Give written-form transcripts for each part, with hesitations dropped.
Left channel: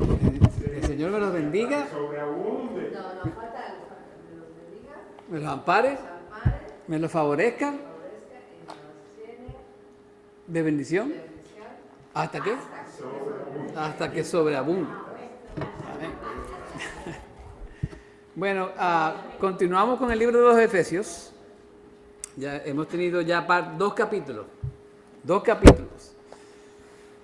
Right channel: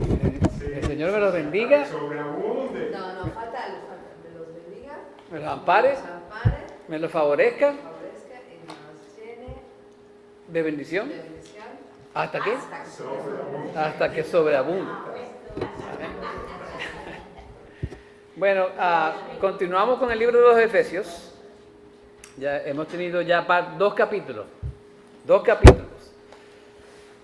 El Señor me los bendiga, Sobreabunde. No, falta algo, me los bendiga, me los ampare, los ampare, me los favorezca favorezca y nos llene de bendición. de bendición. ¿Hasta qué? Hasta que sobreabunde. Amén. Bueno, continuamos con el libro de los Efesios. Ya hemos tenido ya dos capítulos.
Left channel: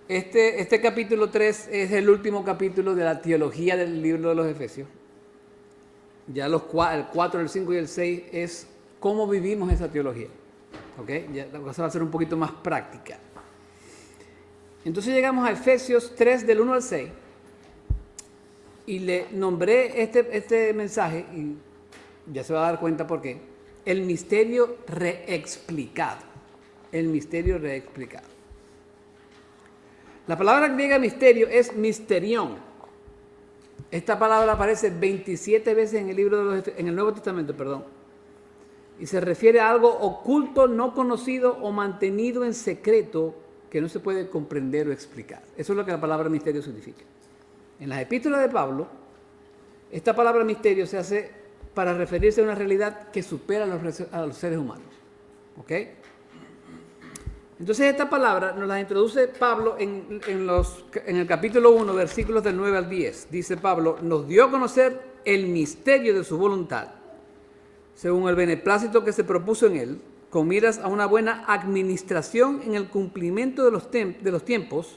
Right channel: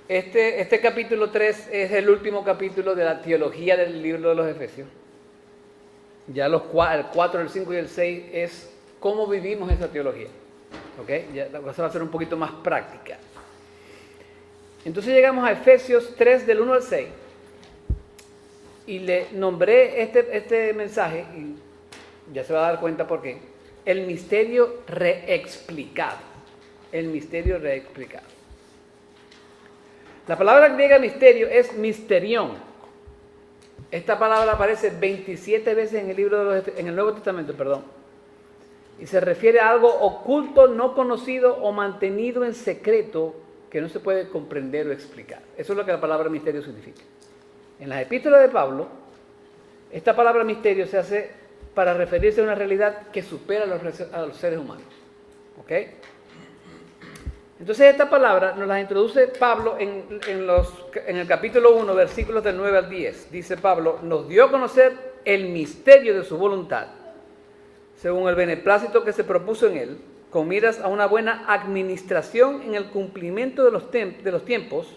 Este capítulo 3 es el último capítulo de la teología del libro de los Efesios. Ya el 4, el 5 y el 6 es cómo vivimos esa teología. ¿Okay? Ya la cosa va a ser un poquito más práctica. Entonces llegamos a Efesios 3 del 1 al 6 y le nombré este mensaje, y ya se va a dar cuenta por qué, el misterio reexplicado. El misterio reexplicado. La palabra griega misterio es misterión. Esta palabra aparece 27 veces en el Nuevo Testamento, y se refiere a algo oculto, no conocido o mantenido en secreto que no se puede comprender o explicar. Eso es lo que la palabra misterio significa. En las epístolas de Pablo, esta palabra misterio se hace para referirse a una realidad que supera a los seres humanos. ¿Ok? Entonces esta palabra nos la introduce Pablo en el capítulo 1, versículos del 9 al 10. Dice Pablo, nos dio a conocer el misterio de su voluntad, según el beneplácito que se propuso en él, con miras a una buena administración en el cumplimiento de los tiempos,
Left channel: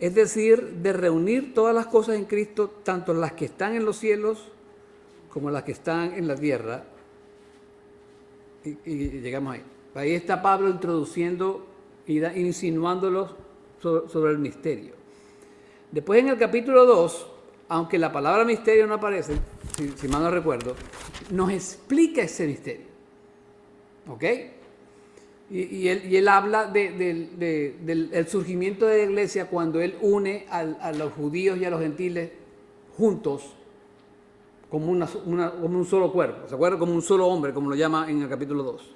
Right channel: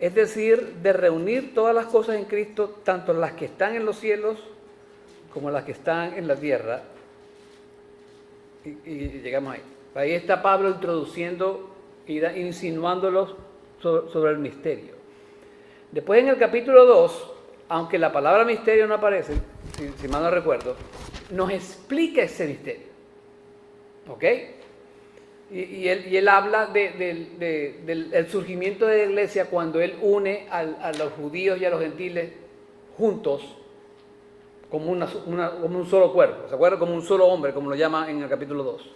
es decir, de reunir todas las cosas en Cristo, tanto las que están en los cielos como las que están en la tierra. Y llegamos ahí. Ahí está Pablo introduciendo y insinuándolos sobre el misterio. Después en el capítulo 2, aunque la palabra misterio no aparece, si mal no recuerdo, nos explica ese misterio. ¿Ok? Y él habla del surgimiento de la iglesia cuando él une a los judíos y a los gentiles juntos como un solo cuerpo. ¿Se acuerdan? Como un solo hombre, como lo llama en el capítulo 2.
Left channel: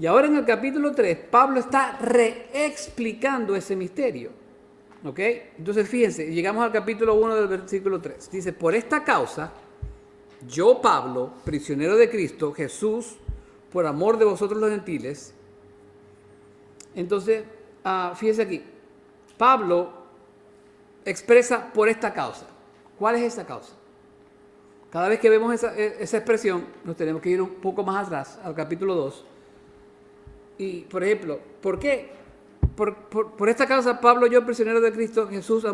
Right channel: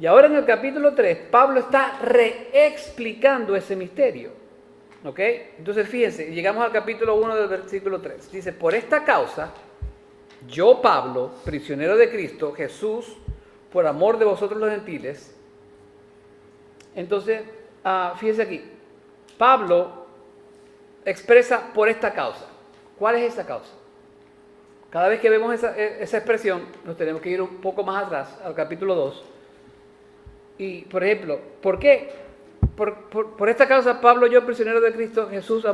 Y ahora en el capítulo 3, Pablo está reexplicando ese misterio. ¿Ok? Entonces fíjense, llegamos al capítulo 1 del versículo 3. Dice, por esta causa, yo Pablo, prisionero de Cristo Jesús, por amor de vosotros los gentiles. Entonces, fíjense aquí, Pablo expresa por esta causa. ¿Cuál es esa causa? Cada vez que vemos esa expresión, nos tenemos que ir un poco más atrás, al capítulo 2. Y, por ejemplo, ¿por qué? Por esta causa, Pablo, yo prisionero de Cristo Jesús,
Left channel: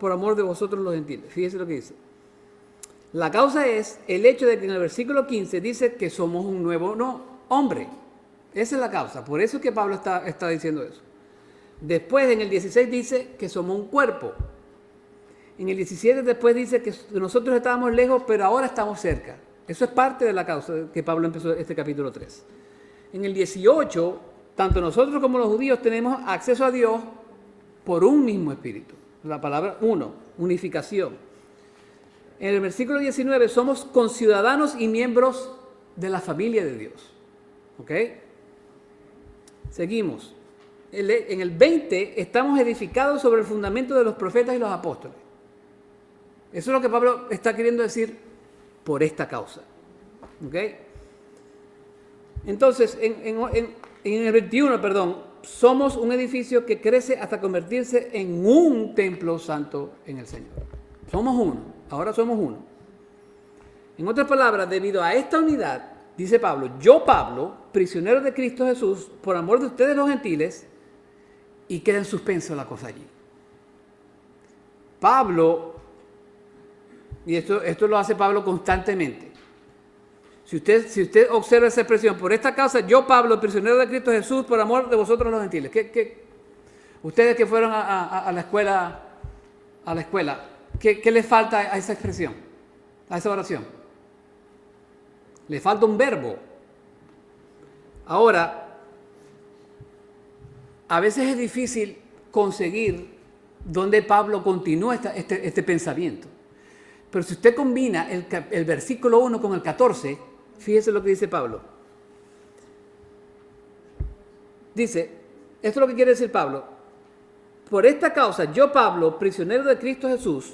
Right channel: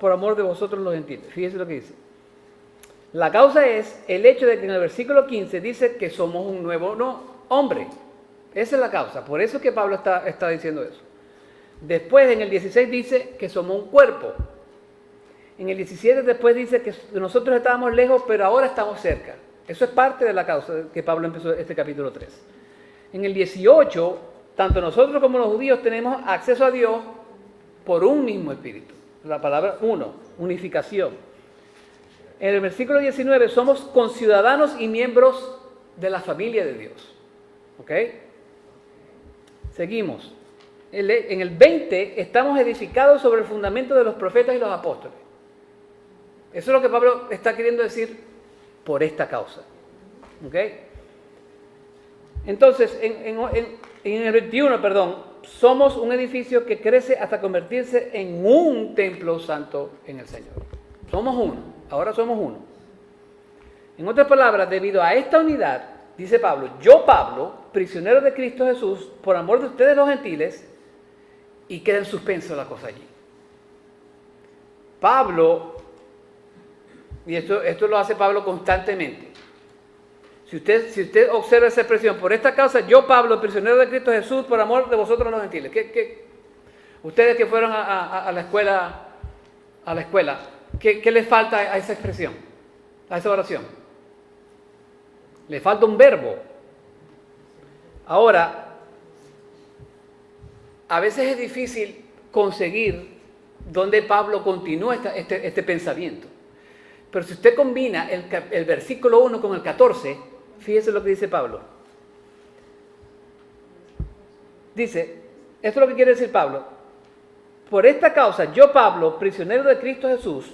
por amor de vosotros los gentiles. Fíjense lo que dice. La causa es el hecho de que en el versículo 15 dice que somos un nuevo hombre. Esa es la causa. Por eso es que Pablo está diciendo eso. Después, en el 16 dice que somos un cuerpo. En el 17 después dice que nosotros estábamos lejos, pero ahora estamos cerca. Eso es parte de la causa que Pablo empezó este capítulo 3. En el 18, tanto nosotros como los judíos tenemos acceso a Dios por un mismo espíritu. La palabra unificación. En el versículo 19, somos conciudadanos y miembros de la familia de Dios. ¿Ok? Seguimos. En el 20, estamos edificados sobre el fundamento de los profetas y los apóstoles. Eso es lo que Pablo está queriendo decir por esta causa. ¿Ok? Entonces, en el 21, somos un edificio que crece hasta convertirse en un templo santo en el Señor. Somos uno, ahora somos uno. En otras palabras, debido a esta unidad, dice Pablo, yo Pablo, prisionero de Cristo Jesús, por amor de ustedes los gentiles, y queda en suspenso la cosa allí. Pablo, y esto lo hace Pablo constantemente. Si usted observa esa expresión, por esta causa, yo Pablo, prisionero de Cristo Jesús, por amor de vosotros los gentiles. Ustedes que fueron a la escuela, ¿qué les falta a esa expresión, a esa oración? Le falta un verbo. Ahora, a veces es difícil conseguir dónde Pablo continúa este pensamiento. Pero si usted combina el versículo 1 con el 14, fíjese lo que dice Pablo. Dice, esto es lo que quiere decir Pablo. por esta causa, yo Pablo, prisionero de Cristo Jesús,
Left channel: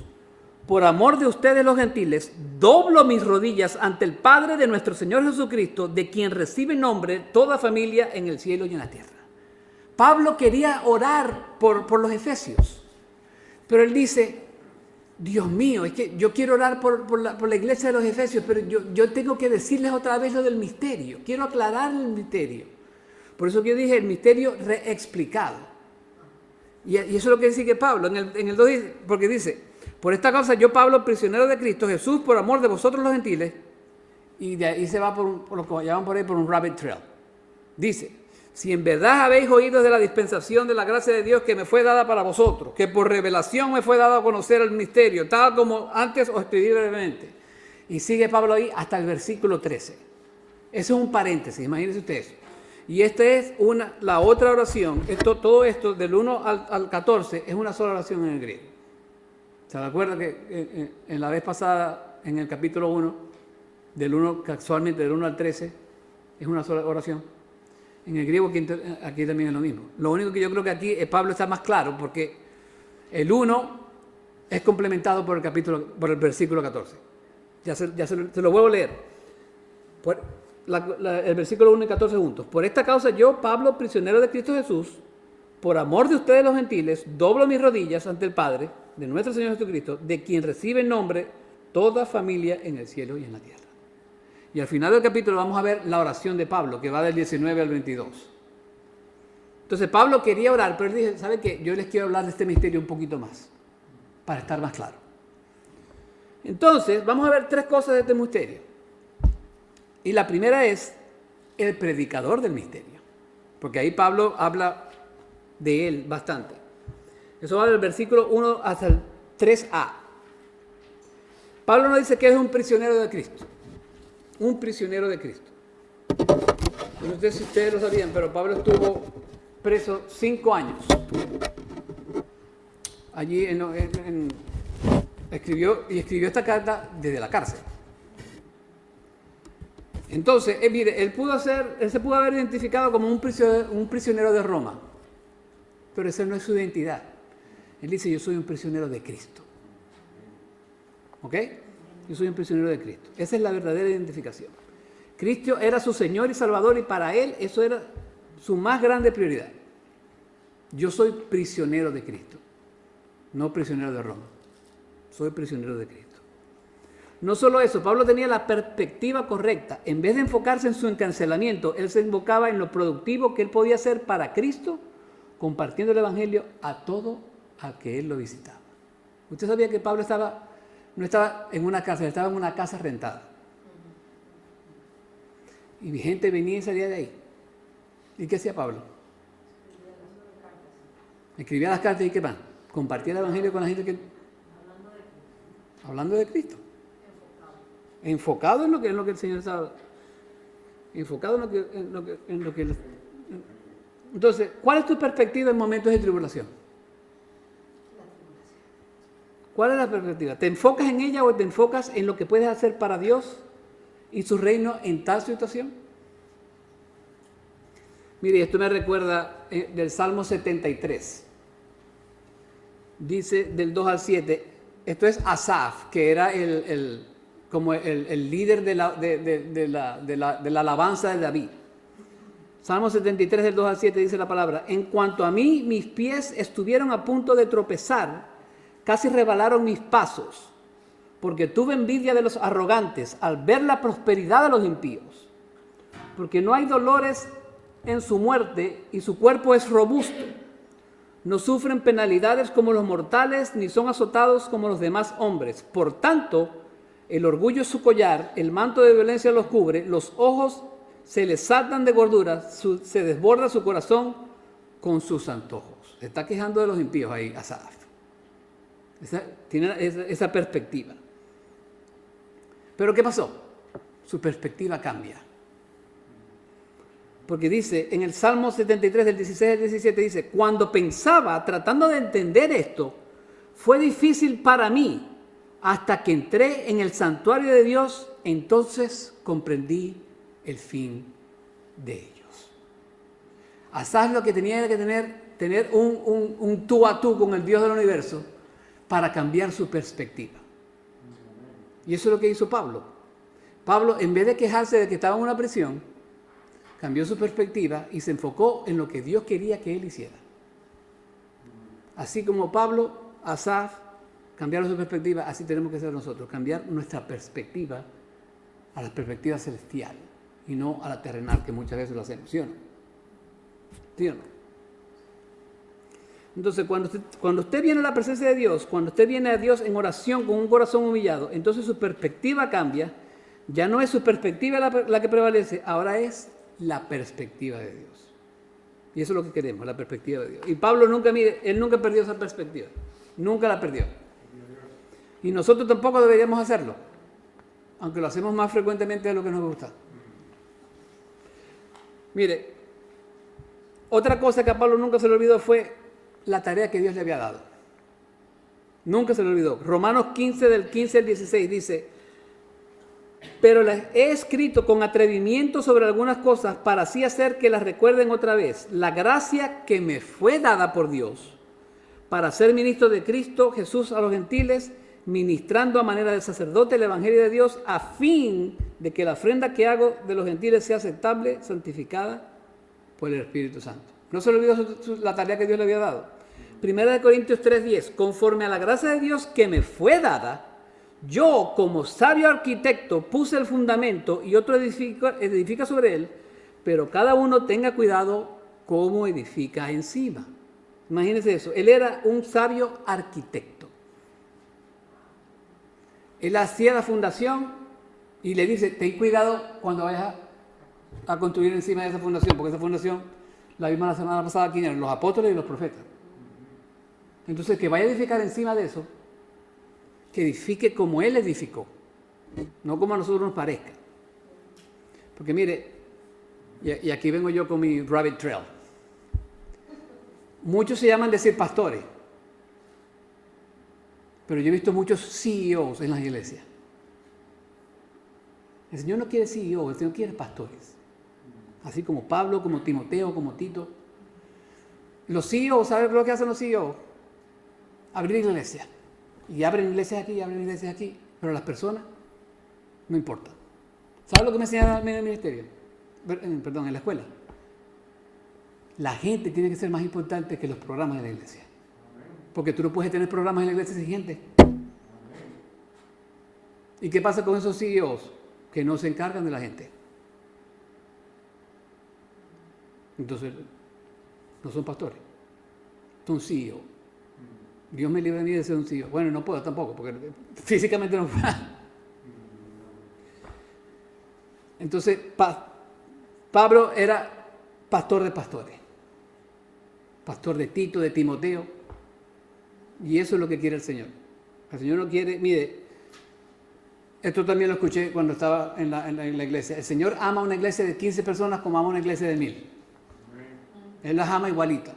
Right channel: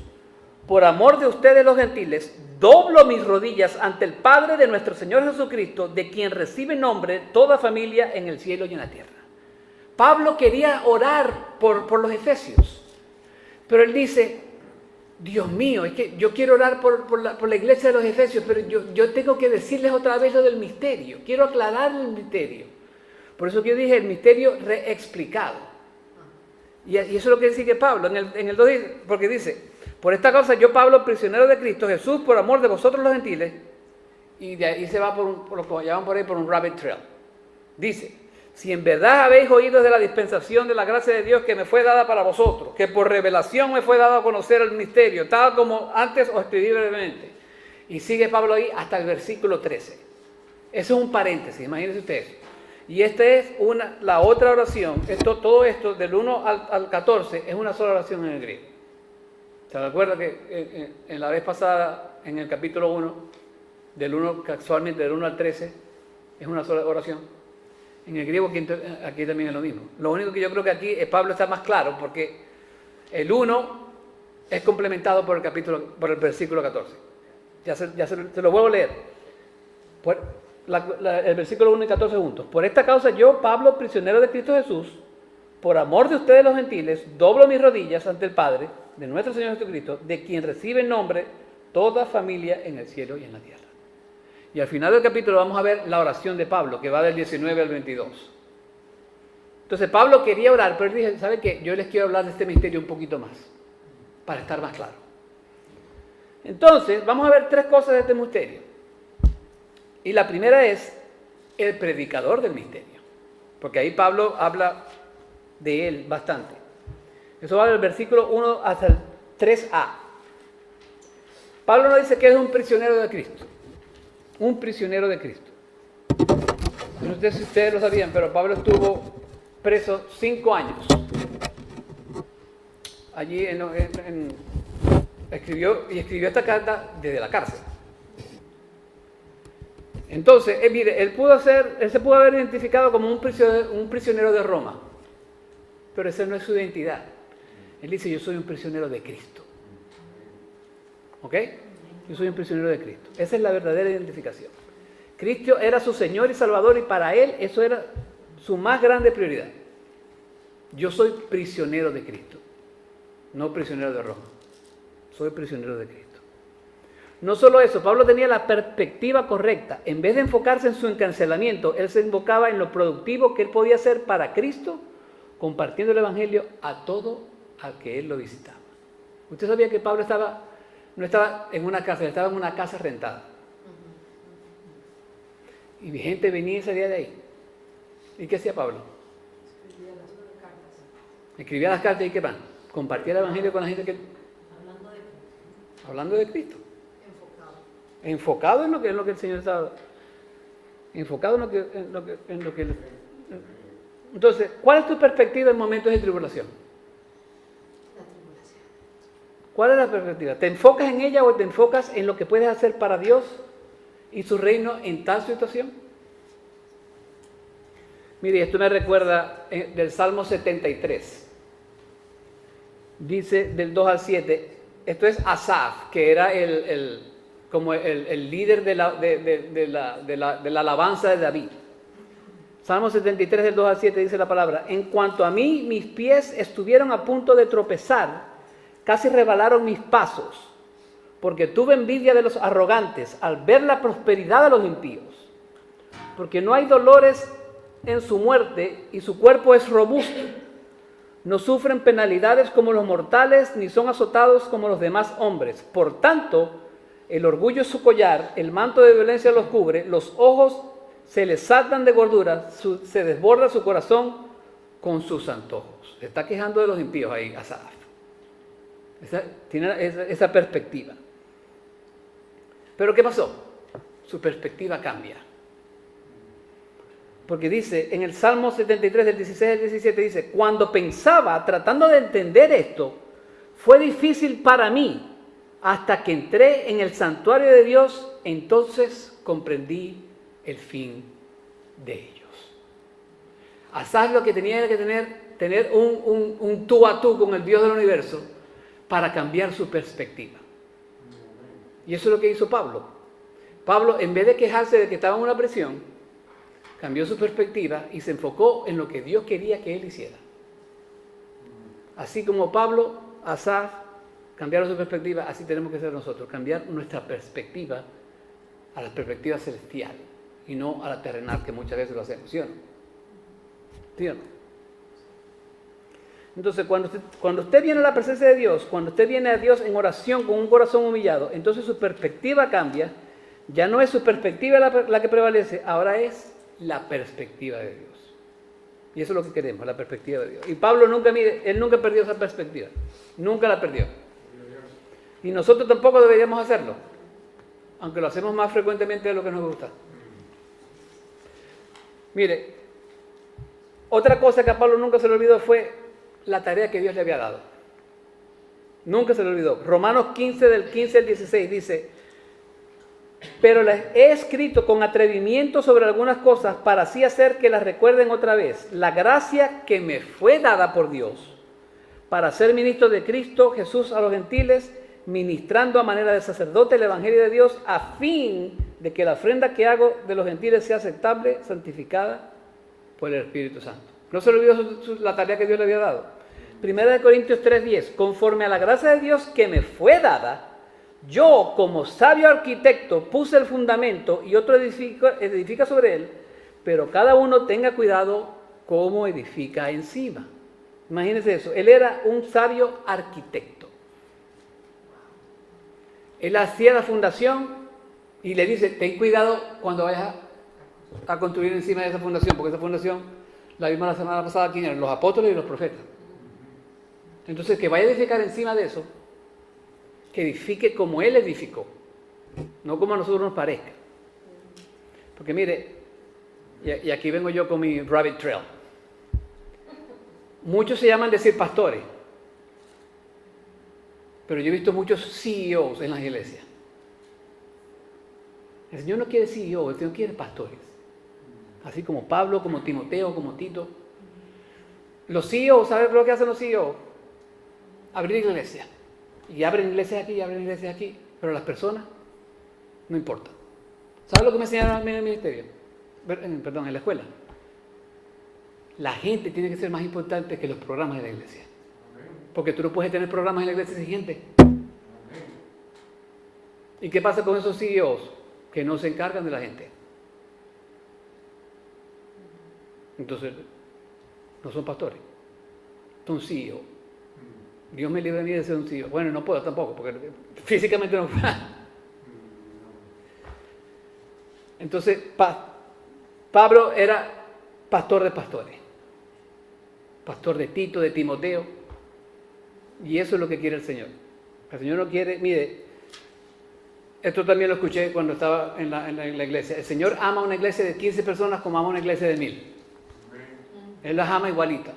por amor de ustedes los gentiles, doblo mis rodillas ante el Padre de nuestro Señor Jesucristo, de quien recibe nombre toda familia en el cielo y en la tierra. Pablo quería orar por los efesios, pero él dice, Dios mío, es que yo quiero orar por la iglesia de los efesios, pero yo tengo que decirles otra vez lo del misterio, quiero aclarar el misterio. Por eso que yo dije el misterio reexplicado. Y eso es lo que dice que Pablo, en el 2 dice, porque dice, por esta causa yo Pablo, prisionero de Cristo Jesús, por amor de vosotros los gentiles, y de ahí se va por lo que llaman por ahí por un rabbit trail. Dice, si en verdad habéis oído de la dispensación de la gracia de Dios que me fue dada para vosotros, que por revelación me fue dado a conocer el misterio, tal como antes os escribí brevemente. Y sigue Pablo ahí hasta el versículo 13. Eso es un paréntesis, imagínense ustedes. Y esta es la otra oración. Todo esto, del 1 al 14, es una sola oración en el griego. ¿Se acuerdan que en la vez pasada, en el capítulo 1, casualmente del 1 al 13, es una sola oración? En el griego aquí también es lo mismo. Lo único que yo creo que aquí Pablo está más claro, porque el 1 es complementado por el versículo 14. Se lo vuelvo a leer. El versículo 1 y 14 juntos. Por esta causa yo, Pablo, prisionero de Cristo Jesús, por amor de ustedes los gentiles, doblo mis rodillas ante el Padre de nuestro Señor Jesucristo, de quien recibe nombre toda familia en el cielo y en la tierra. Y al final del capítulo vamos a ver la oración de Pablo, que va del 19 al 22. Entonces Pablo quería orar, pero él dice, ¿sabe qué? Yo les quiero hablar de este misterio un poquito más, para estar más claro. Entonces, vamos a ver 3 cosas de este misterio. Y la primera es el predicador del misterio, porque ahí Pablo habla de él bastante. Eso va del versículo 1 hasta el 3a. Pablo nos dice que es un prisionero de Cristo. Un prisionero de Cristo. No sé si ustedes lo sabían, pero Pablo estuvo preso 5 años. Allí escribió esta carta desde la cárcel. Entonces, mire, él se pudo haber identificado como un prisionero de Roma, pero esa no es su identidad. Él dice, yo soy un prisionero de Cristo. ¿Ok? Yo soy un prisionero de Cristo. Esa es la verdadera identificación. Cristo era su Señor y Salvador y para él eso era su más grande prioridad. Yo soy prisionero de Cristo, no prisionero de Roma. Soy prisionero de Cristo. No solo eso, Pablo tenía la perspectiva correcta. En vez de enfocarse en su encarcelamiento, él se enfocaba en lo productivo que él podía hacer para Cristo, compartiendo el Evangelio a todo al que él lo visitaba. ¿Usted sabía que Pablo no estaba en una cárcel, estaba en una casa rentada? Y mi gente venía y salía de ahí. ¿Y qué hacía Pablo? Escribía las cartas y ¿qué van? Compartía el Evangelio con la gente que... Hablando de Cristo. Enfocado en lo que el Señor estaba. Enfocado en lo que Entonces, ¿cuál es tu perspectiva en momentos de tribulación? La tribulación. ¿Cuál es la perspectiva? ¿Te enfocas en ella o te enfocas en lo que puedes hacer para Dios y su reino en tal situación? Mire, esto me recuerda del Salmo 73. Dice del 2 al 7. Esto es Asaf, que era como el líder de la alabanza de David. Salmo 73, del 2 al 7 dice la palabra: en cuanto a mí, mis pies estuvieron a punto de tropezar, casi rebalaron mis pasos, porque tuve envidia de los arrogantes al ver la prosperidad de los impíos, porque no hay dolores en su muerte y su cuerpo es robusto. No sufren penalidades como los mortales, ni son azotados como los demás hombres. Por tanto, el orgullo es su collar, el manto de violencia los cubre, los ojos se les saltan de gordura, se desborda su corazón con sus antojos. Se está quejando de los impíos ahí, Asaf. Tiene esa perspectiva. Pero ¿qué pasó? Su perspectiva cambia. Porque dice, en el Salmo 73, del 16 al 17, dice: cuando pensaba, tratando de entender esto, fue difícil para mí, hasta que entré en el santuario de Dios, entonces comprendí el fin de ellos. Asaf lo que tenía era que tener un tú a tú con el Dios del universo para cambiar su perspectiva. Y eso es lo que hizo Pablo. Pablo, en vez de quejarse de que estaba en una prisión, cambió su perspectiva y se enfocó en lo que Dios quería que él hiciera. Así como Pablo, Asaf, cambiaron su perspectiva, así tenemos que ser nosotros, cambiar nuestra perspectiva a la perspectiva celestial y no a la terrenal, que muchas veces lo hacemos, ¿sí o no? ¿Sí o no? Entonces, cuando usted viene a la presencia de Dios, cuando usted viene a Dios en oración con un corazón humillado, entonces su perspectiva cambia. Ya no es su perspectiva la que prevalece, ahora es la perspectiva de Dios. Y eso es lo que queremos, la perspectiva de Dios. Y Pablo él nunca perdió esa perspectiva. Nunca la perdió. Y nosotros tampoco deberíamos hacerlo, aunque lo hacemos más frecuentemente de lo que nos gusta. Mire, otra cosa que a Pablo nunca se le olvidó fue la tarea que Dios le había dado. Nunca se le olvidó. Romanos 15, del 15 al 16 dice: pero les he escrito con atrevimiento sobre algunas cosas para así hacer que las recuerden otra vez. La gracia que me fue dada por Dios para ser ministro de Cristo Jesús a los gentiles, ministrando a manera de sacerdote el evangelio de Dios, a fin de que la ofrenda que hago de los gentiles sea aceptable, santificada por el Espíritu Santo. No se le olvidó la tarea que Dios le había dado. 1 Corintios 3:10, conforme a la gracia de Dios que me fue dada, yo como sabio arquitecto puse el fundamento y otro edifica sobre él, pero cada uno tenga cuidado cómo edifica encima. Imagínense eso, él era un sabio arquitecto. Él hacía la fundación y le dice: ten cuidado cuando vayas a construir encima de esa fundación, porque esa fundación la vimos la semana pasada, ¿quién eran? Los apóstoles y los profetas. Entonces, que vaya a edificar encima de eso, que edifique como él edificó, no como a nosotros nos parezca. Porque mire, y aquí vengo yo con mi rabbit trail. Muchos se llaman decir pastores, pero yo he visto muchos CEOs en las iglesias. El Señor no quiere CEO, el Señor quiere pastores. Así como Pablo, como Timoteo, como Tito. Los CEOs, ¿sabes lo que hacen los CEOs? Abrir iglesias. Y abren iglesias aquí, y abren iglesias aquí. Pero las personas, no importa. ¿Sabes lo que me enseñaron en el ministerio? Perdón, en la escuela. La gente tiene que ser más importante que los programas de la iglesia. Porque tú no puedes tener programas en la iglesia sin gente. ¿Y qué pasa con esos CEOs? Que no se encargan de la gente. Entonces, no son pastores. Son CEOs. Dios me libre a mí de ser un CEO. Bueno, no puedo tampoco, porque físicamente no puedo. Entonces, Pablo era pastor de pastores. Pastor de Tito, de Timoteo. Y eso es lo que quiere el Señor. El Señor no quiere, mire, esto también lo escuché cuando estaba en la iglesia. El Señor ama una iglesia de 15 personas como ama una iglesia de 1000. Él las ama igualita.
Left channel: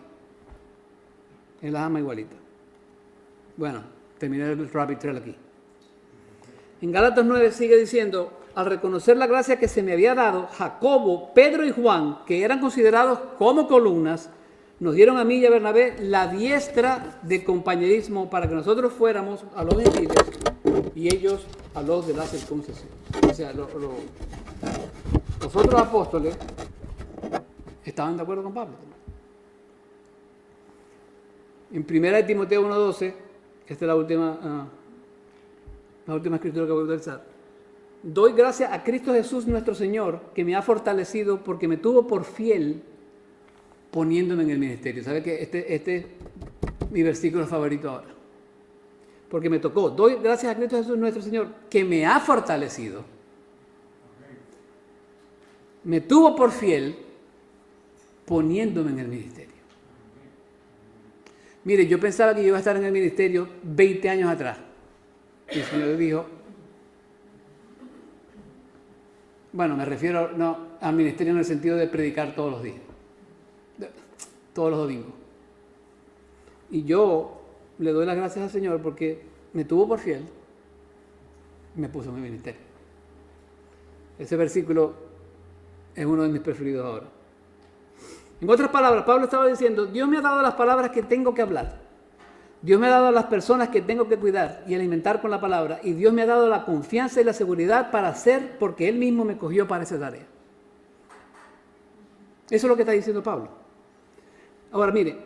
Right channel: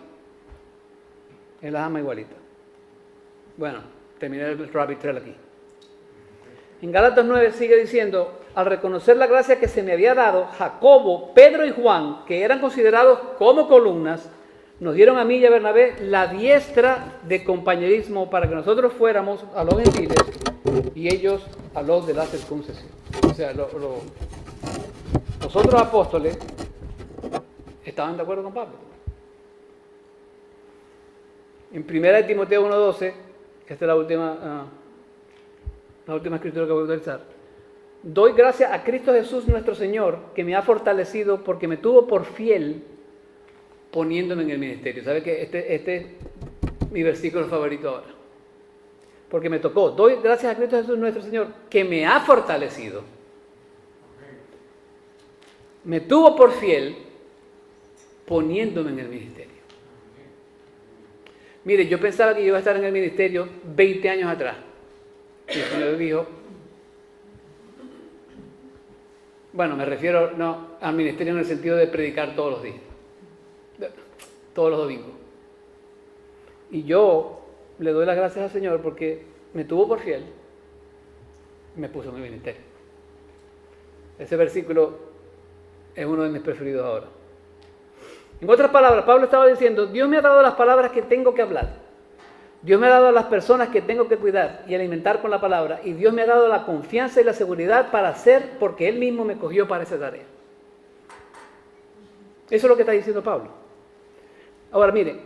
Él las ama igualita. Bueno, terminé el rabbit trail aquí. En Gálatas 9 sigue diciendo: al reconocer la gracia que se me había dado, Jacobo, Pedro y Juan, que eran considerados como columnas, nos dieron a mí y a Bernabé la diestra de compañerismo para que nosotros fuéramos a los gentiles y ellos a los de la circuncisión. O sea, los otros apóstoles estaban de acuerdo con Pablo. En 1 Timoteo 1:12, esta es la última escritura que voy a utilizar. Doy gracias a Cristo Jesús nuestro Señor, que me ha fortalecido porque me tuvo por fiel poniéndome en el ministerio. ¿Sabe que este es mi versículo favorito ahora? Porque me tocó. Doy gracias a Cristo Jesús nuestro Señor, que me ha fortalecido. Me tuvo por fiel poniéndome en el ministerio. Mire, yo pensaba que yo iba a estar en el ministerio 20 años atrás. Y el Señor dijo, bueno, me refiero no al ministerio en el sentido de predicar todos los días, todos los domingos. Y yo le doy las gracias al Señor porque me tuvo por fiel y me puso en el ministerio. Ese versículo es uno de mis preferidos ahora. En otras palabras, Pablo estaba diciendo, Dios me ha dado las palabras que tengo que hablar. Dios me ha dado a las personas que tengo que cuidar y alimentar con la palabra. Y Dios me ha dado la confianza y la seguridad para hacer porque Él mismo me cogió para esa tarea. Eso es lo que está diciendo Pablo. Ahora mire,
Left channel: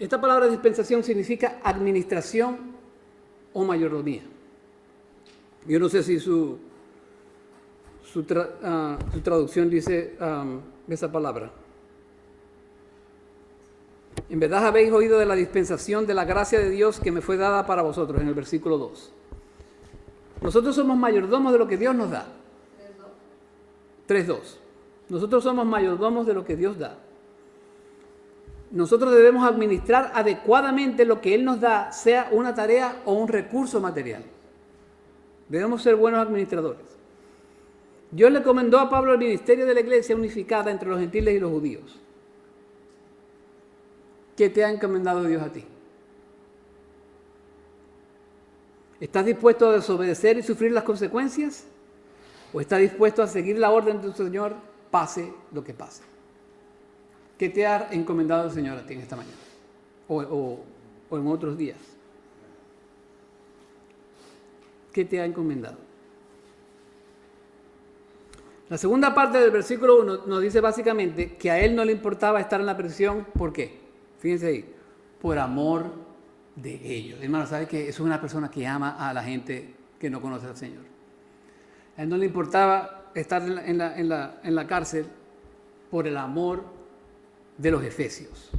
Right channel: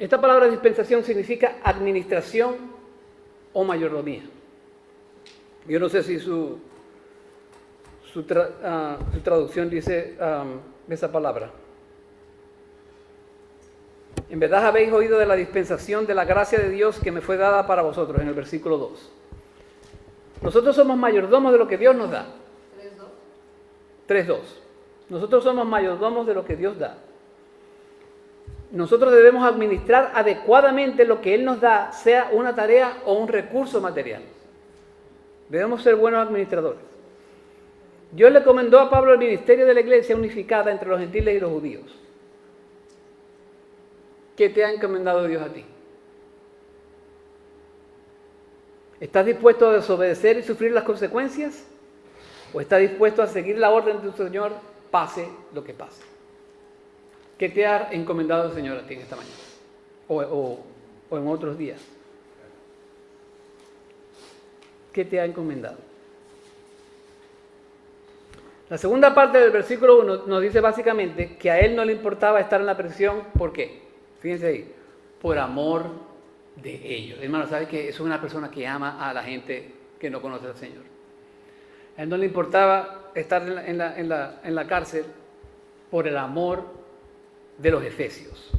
esta palabra dispensación significa administración o mayordomía. Yo no sé si su traducción dice esa palabra. En verdad habéis oído de la dispensación de la gracia de Dios que me fue dada para vosotros, en el versículo 2. Nosotros somos mayordomos de lo que Dios nos da. 3.2. Nosotros somos mayordomos de lo que Dios da. Nosotros debemos administrar adecuadamente lo que Él nos da, sea una tarea o un recurso material. Debemos ser buenos administradores. Dios le encomendó a Pablo el ministerio de la iglesia unificada entre los gentiles y los judíos. ¿Qué te ha encomendado Dios a ti? ¿Estás dispuesto a desobedecer y sufrir las consecuencias? ¿O estás dispuesto a seguir la orden de tu Señor, pase lo que pase? ¿Qué te ha encomendado el Señor a ti en esta mañana? O en otros días. ¿Qué te ha encomendado? La segunda parte del versículo 1 nos dice básicamente que a él no le importaba estar en la prisión. ¿Por qué? Fíjense ahí. Por amor de ellos. Hermano, ¿sabe que eso es una persona que ama a la gente que no conoce al Señor? A él no le importaba estar en la cárcel por el amor de los efesios.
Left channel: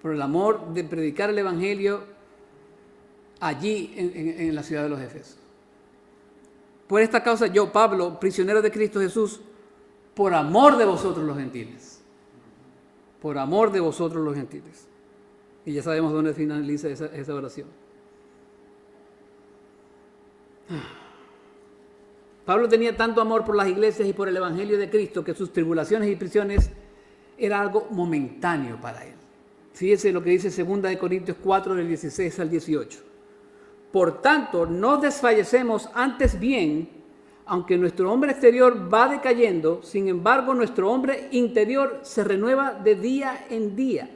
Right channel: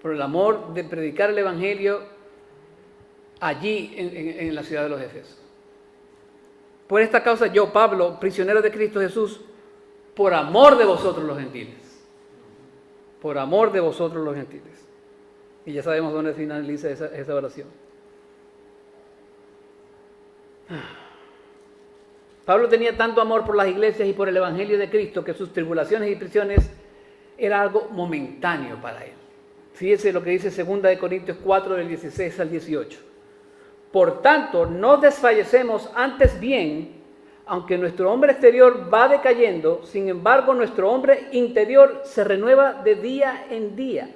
Por el amor de predicar el Evangelio allí en la ciudad de los Efesios. Por esta causa yo, Pablo, prisionero de Cristo Jesús, por amor de vosotros los gentiles. Por amor de vosotros los gentiles. Y ya sabemos dónde finaliza esa oración. Pablo tenía tanto amor por las iglesias y por el Evangelio de Cristo que sus tribulaciones y prisiones era algo momentáneo para él. Fíjese lo que dice 2 Corintios 4, del 16 al 18. Por tanto, no desfallecemos, antes bien, aunque nuestro hombre exterior va decayendo, sin embargo nuestro hombre interior se renueva de día en día.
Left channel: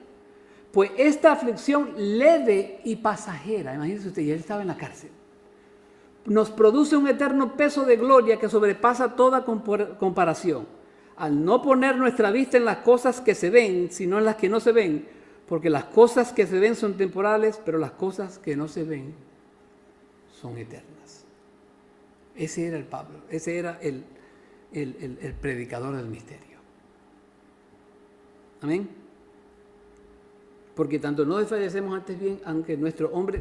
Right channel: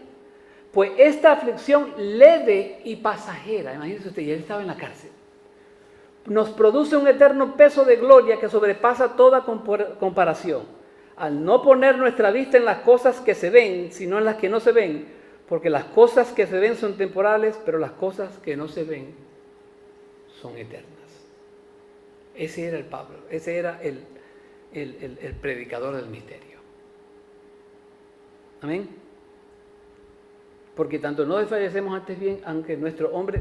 Pues esta aflicción leve y pasajera, imagínese usted, ya él estaba en la cárcel, nos produce un eterno peso de gloria que sobrepasa toda comparación, al no poner nuestra vista en las cosas que se ven, sino en las que no se ven, porque las cosas que se ven son temporales, pero las cosas que no se ven son eternas. Ese era el Pablo, ese era el predicador del misterio. Amén. Porque tanto no desfallecemos antes bien, aunque nuestro hombre,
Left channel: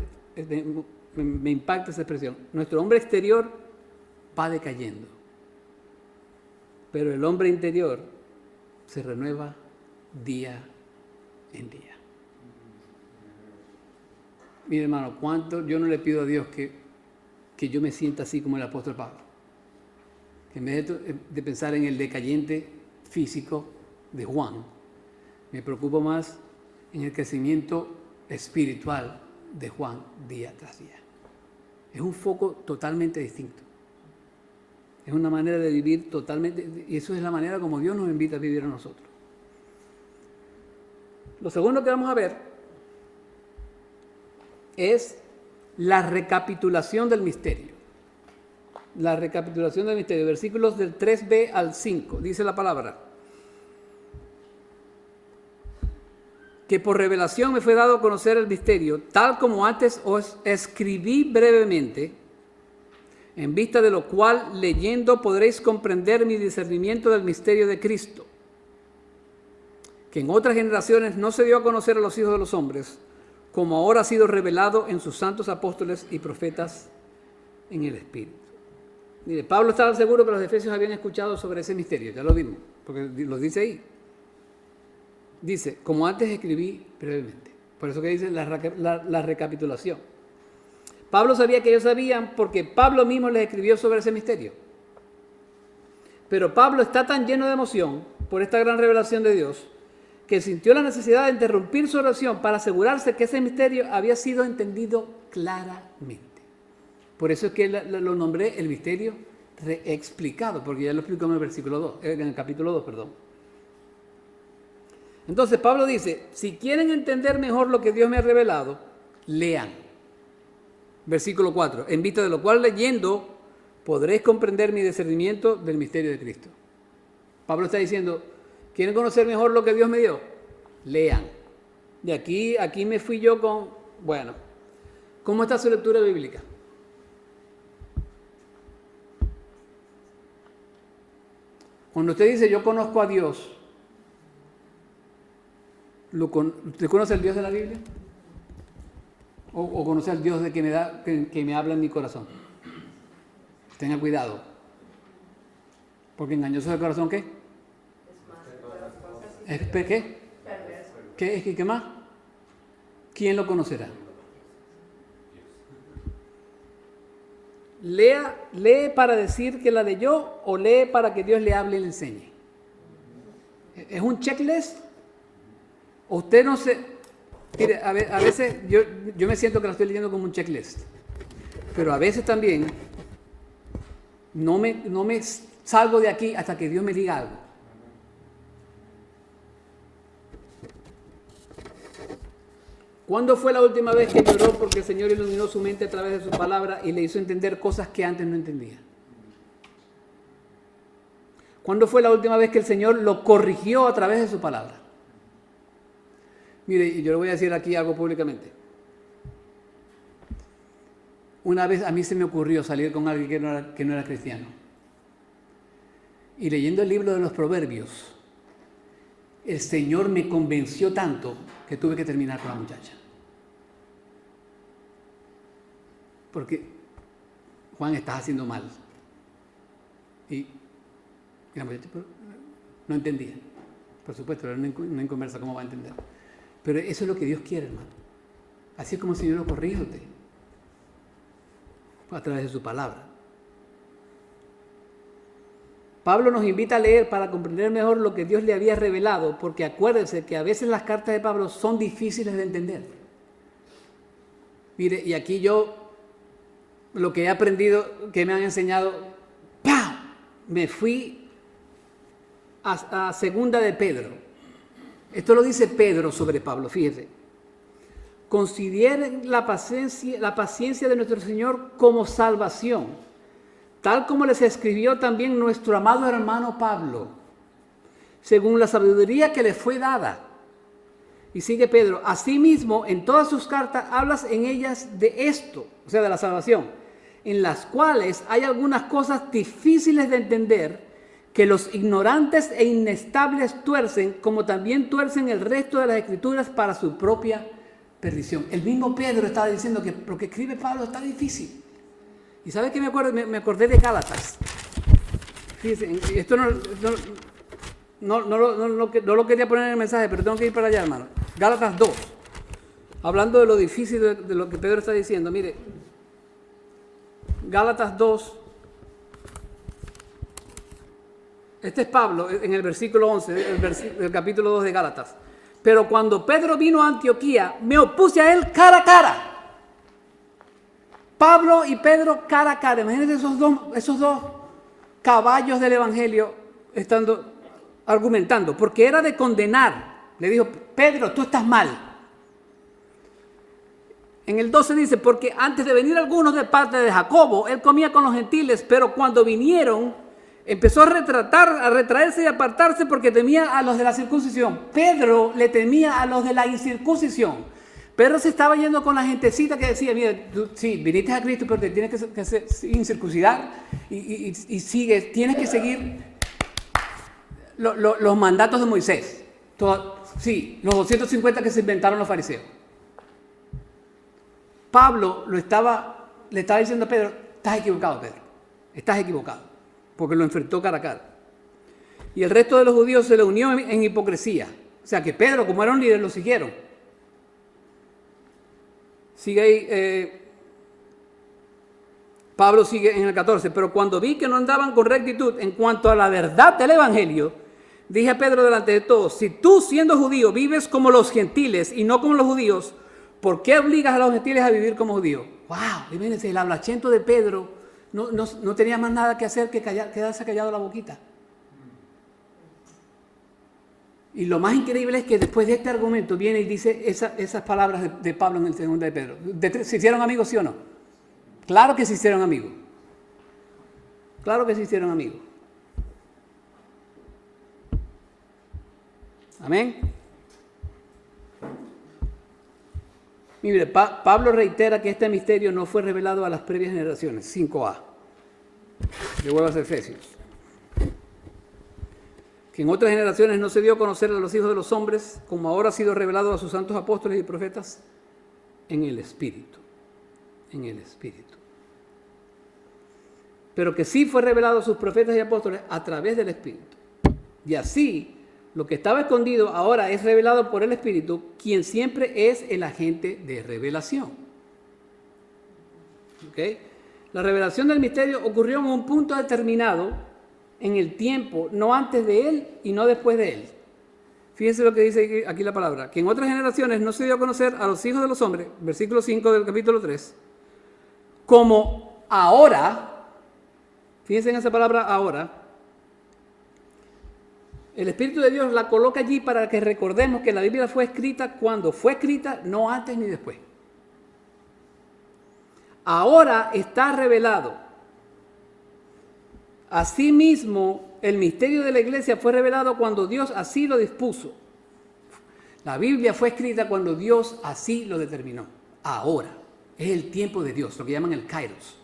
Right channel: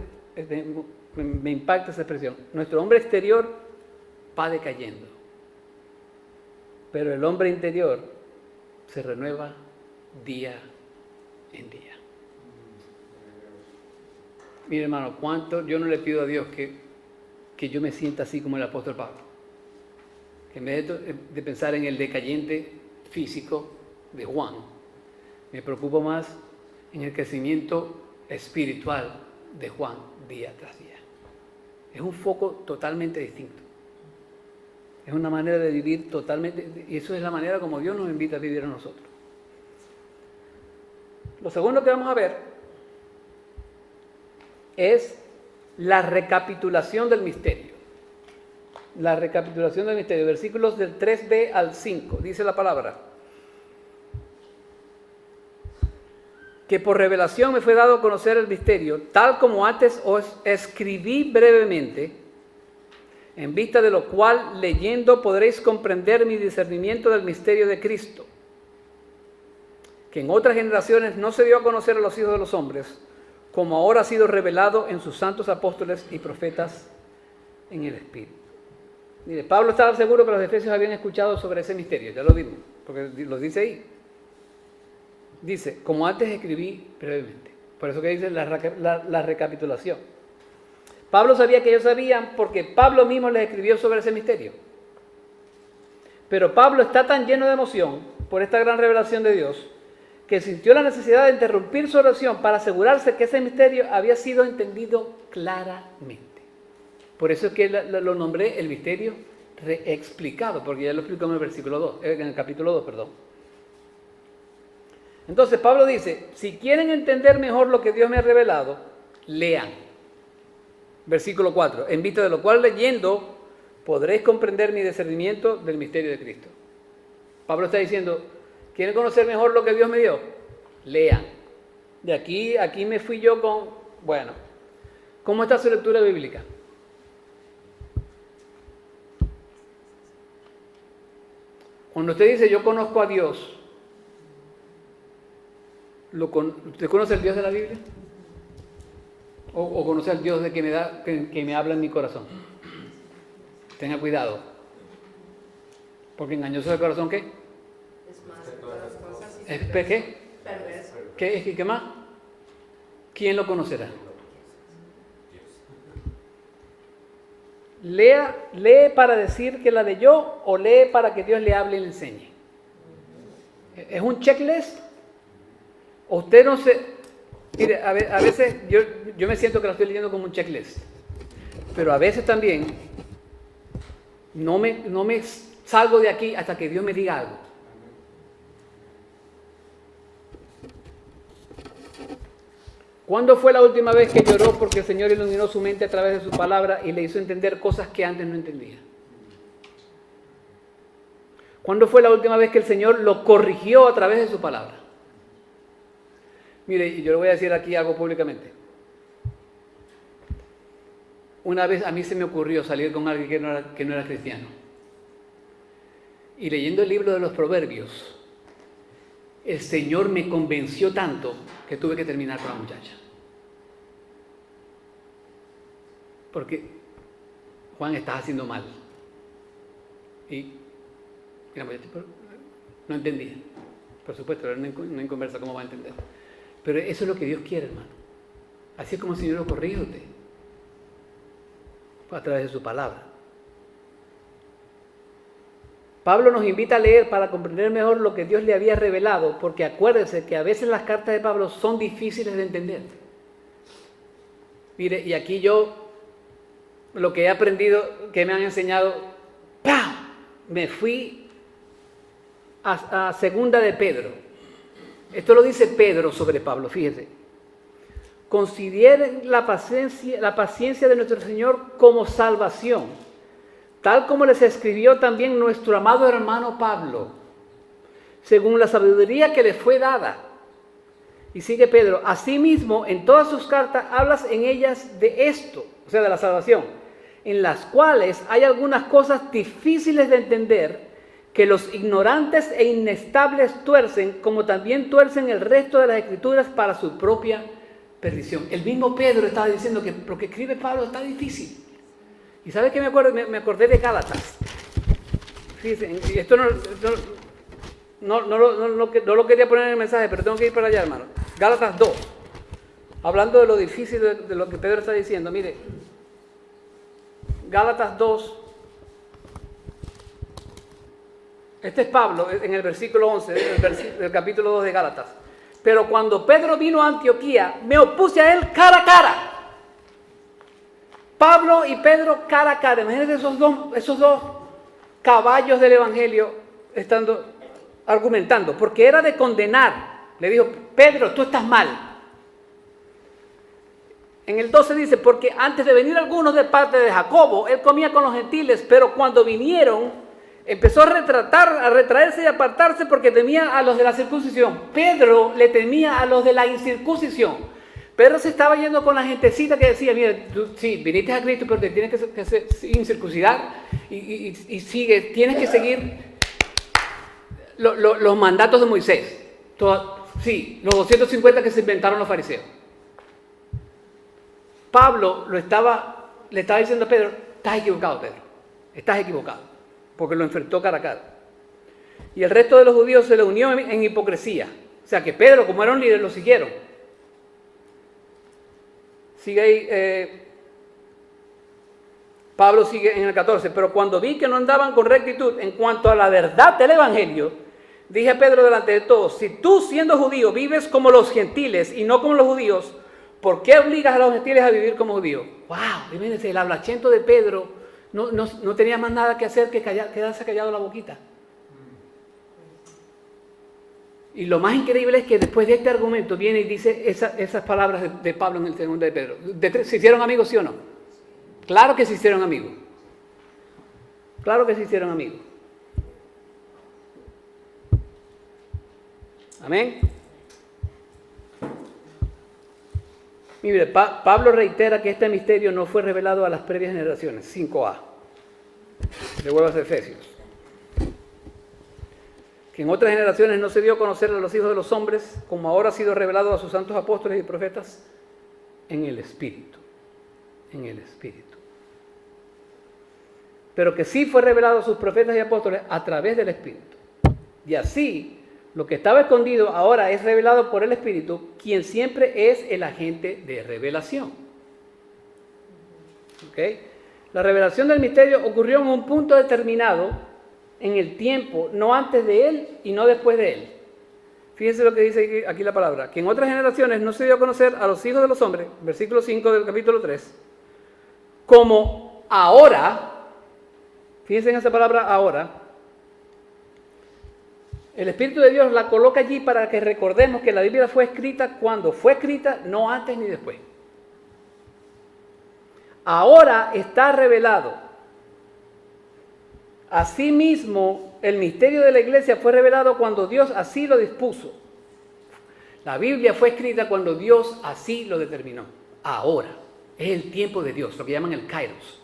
me impacta esa expresión, nuestro hombre exterior va decayendo, pero el hombre interior se renueva día en día. Mire, hermano, cuánto yo no le pido a Dios que yo me sienta así como el apóstol Pablo. Que en vez de pensar en el decayente físico de Juan, me preocupo más en el crecimiento espiritual de Juan día tras día. Es un foco totalmente distinto. Es una manera de vivir totalmente, y eso es la manera como Dios nos invita a vivir a nosotros. Lo segundo que vamos a ver es la recapitulación del misterio. La recapitulación del misterio. Versículos del 3b al 5. Dice la palabra: que por revelación me fue dado a conocer el misterio, tal como antes os escribí brevemente, en vista de lo cual, leyendo, podréis comprender mi discernimiento del misterio de Cristo, que en otras generaciones no se dio a conocer a los hijos de los hombres, como ahora ha sido revelado en sus santos apóstoles y profetas en el Espíritu. Mire, Pablo estaba seguro que los efesios habían escuchado sobre ese misterio, ya lo vimos, porque lo dice ahí. Dice, como antes escribí brevemente. Por eso que dice la recapitulación. Pablo sabía que ellos sabían porque Pablo mismo les escribió sobre ese misterio. Pero Pablo está tan lleno de emoción por esta gran revelación de Dios que sintió la necesidad de interrumpir su oración para asegurarse que ese misterio había sido entendido claramente. Por eso es que lo nombré el misterio reexplicado, porque ya lo explicó en el versículo 2, en el capítulo 2, perdón. Entonces Pablo dice, si quieren entender mejor lo que Dios me ha revelado, lean. Versículo 4, en vista de lo cual leyendo podréis comprender mi discernimiento del misterio de Cristo. Pablo está diciendo, ¿quieren conocer mejor lo que Dios me dio? Lean. De aquí me fui yo con, bueno, ¿cómo está su lectura bíblica? Cuando usted dice, yo conozco a Dios, ¿usted conoce el Dios de la Biblia? ¿O conoce al Dios de que me habla en mi corazón? Tenga cuidado. Porque engañoso es el corazón, ¿qué? Es más de todas las cosas. ¿Qué? Perverso. ¿Qué más? ¿Quién lo conocerá? ¿Lee para decir que la de yo o lee para que Dios le hable y le enseñe? ¿Es un checklist? ¿O usted no se... Mire, a veces yo me siento que la estoy leyendo como un checklist, pero a veces también no me salgo de aquí hasta que Dios me diga algo. ¿Cuándo fue la última vez que lloró porque el Señor iluminó su mente a través de su palabra y le hizo entender cosas que antes no entendía? ¿Cuándo fue la última vez que el Señor lo corrigió a través de su palabra? Mire, y yo le voy a decir aquí algo públicamente. Una vez a mí se me ocurrió salir con alguien que no era cristiano. Y leyendo el libro de los Proverbios, el Señor me convenció tanto que tuve que terminar con la muchacha. Porque, Juan, estás haciendo mal. Y la muchacha no entendía. Por supuesto, era una inconversa, ¿cómo va a entender? Pero eso es lo que Dios quiere, hermano. Así es como el Señor lo corrige a usted. A través de su palabra. Pablo nos invita a leer para comprender mejor lo que Dios le había revelado, porque acuérdense que a veces las cartas de Pablo son difíciles de entender. Mire, y aquí yo, lo que he aprendido, que me han enseñado, ¡pam!, me fui a segunda de Pedro. Esto lo dice Pedro sobre Pablo, fíjese. Consideren la paciencia de nuestro Señor como salvación, tal como les escribió también nuestro amado hermano Pablo, según la sabiduría que le fue dada. Y sigue Pedro, asimismo, en todas sus cartas hablas en ellas de esto, o sea, de la salvación, en las cuales hay algunas cosas difíciles de entender, que los ignorantes e inestables tuercen, como también tuercen el resto de las escrituras para su propia perdición. El mismo Pedro estaba diciendo que lo que escribe Pablo está difícil. ¿Y sabe qué me acuerdo? Me acordé de Gálatas. Fíjense, esto no lo quería poner en el mensaje, pero tengo que ir para allá, hermano. Gálatas 2. Hablando de lo difícil de lo que Pedro está diciendo. Mire, Gálatas 2. Este es Pablo en el versículo 11 del capítulo 2 de Gálatas. Pero cuando Pedro vino a Antioquía, me opuse a él cara a cara. Pablo y Pedro cara a cara. Imagínense esos dos caballos del evangelio estando argumentando, porque era de condenar. Le dijo, Pedro, tú estás mal. En el 12 dice, porque antes de venir algunos de parte de Jacobo, él comía con los gentiles, pero cuando vinieron, empezó a retraerse y apartarse porque temía a los de la circuncisión. Pedro le temía a los de la incircuncisión. Pedro se estaba yendo con la gentecita que decía, mira, tú sí, viniste a Cristo, pero te tienes que incircuncidar y tienes que seguir los mandatos de Moisés. Sí, los 250 que se inventaron los fariseos. Pablo le estaba diciendo a Pedro, estás equivocado, Pedro, estás equivocado. Porque lo enfrentó cara a cara. Y el resto de los judíos se le unió en hipocresía. O sea que Pedro, como era un líder, lo siguieron. Sigue ahí, Pablo sigue en el 14. Pero cuando vi que no andaban con rectitud en cuanto a la verdad del evangelio, dije a Pedro delante de todos, si tú siendo judío vives como los gentiles y no como los judíos, ¿por qué obligas a los gentiles a vivir como judíos? ¡Wow! Imagínense, el hablachento de Pedro no tenía más nada que hacer que quedarse callado la boquita. Y lo más increíble es que después de este argumento viene y dice esas palabras de Pablo en el 2 de Pedro. ¿Se hicieron amigos, sí o no? Claro que se hicieron amigos. Claro que se hicieron amigos. Amén. Mire, Pablo reitera que este misterio no fue revelado a las previas generaciones. 5a. Devuelvo a Efesios. Que en otras generaciones no se dio a conocer a los hijos de los hombres, como ahora ha sido revelado a sus santos apóstoles y profetas en el Espíritu. En el Espíritu. Pero que sí fue revelado a sus profetas y apóstoles a través del Espíritu. Y así, lo que estaba escondido ahora es revelado por el Espíritu, quien siempre es el agente de revelación. ¿Okay? La revelación del misterio ocurrió en un punto determinado en el tiempo, no antes de él y no después de él. Fíjense lo que dice aquí la palabra, que en otras generaciones no se dio a conocer a los hijos de los hombres, versículo 5 del capítulo 3, como ahora, fíjense en esa palabra ahora, el Espíritu de Dios la coloca allí para que recordemos que la Biblia fue escrita cuando fue escrita, no antes ni después. Ahora está revelado. Asimismo, el misterio de la iglesia fue revelado cuando Dios así lo dispuso. La Biblia fue escrita cuando Dios así lo determinó. Ahora es el tiempo de Dios, lo que llaman el Kairos.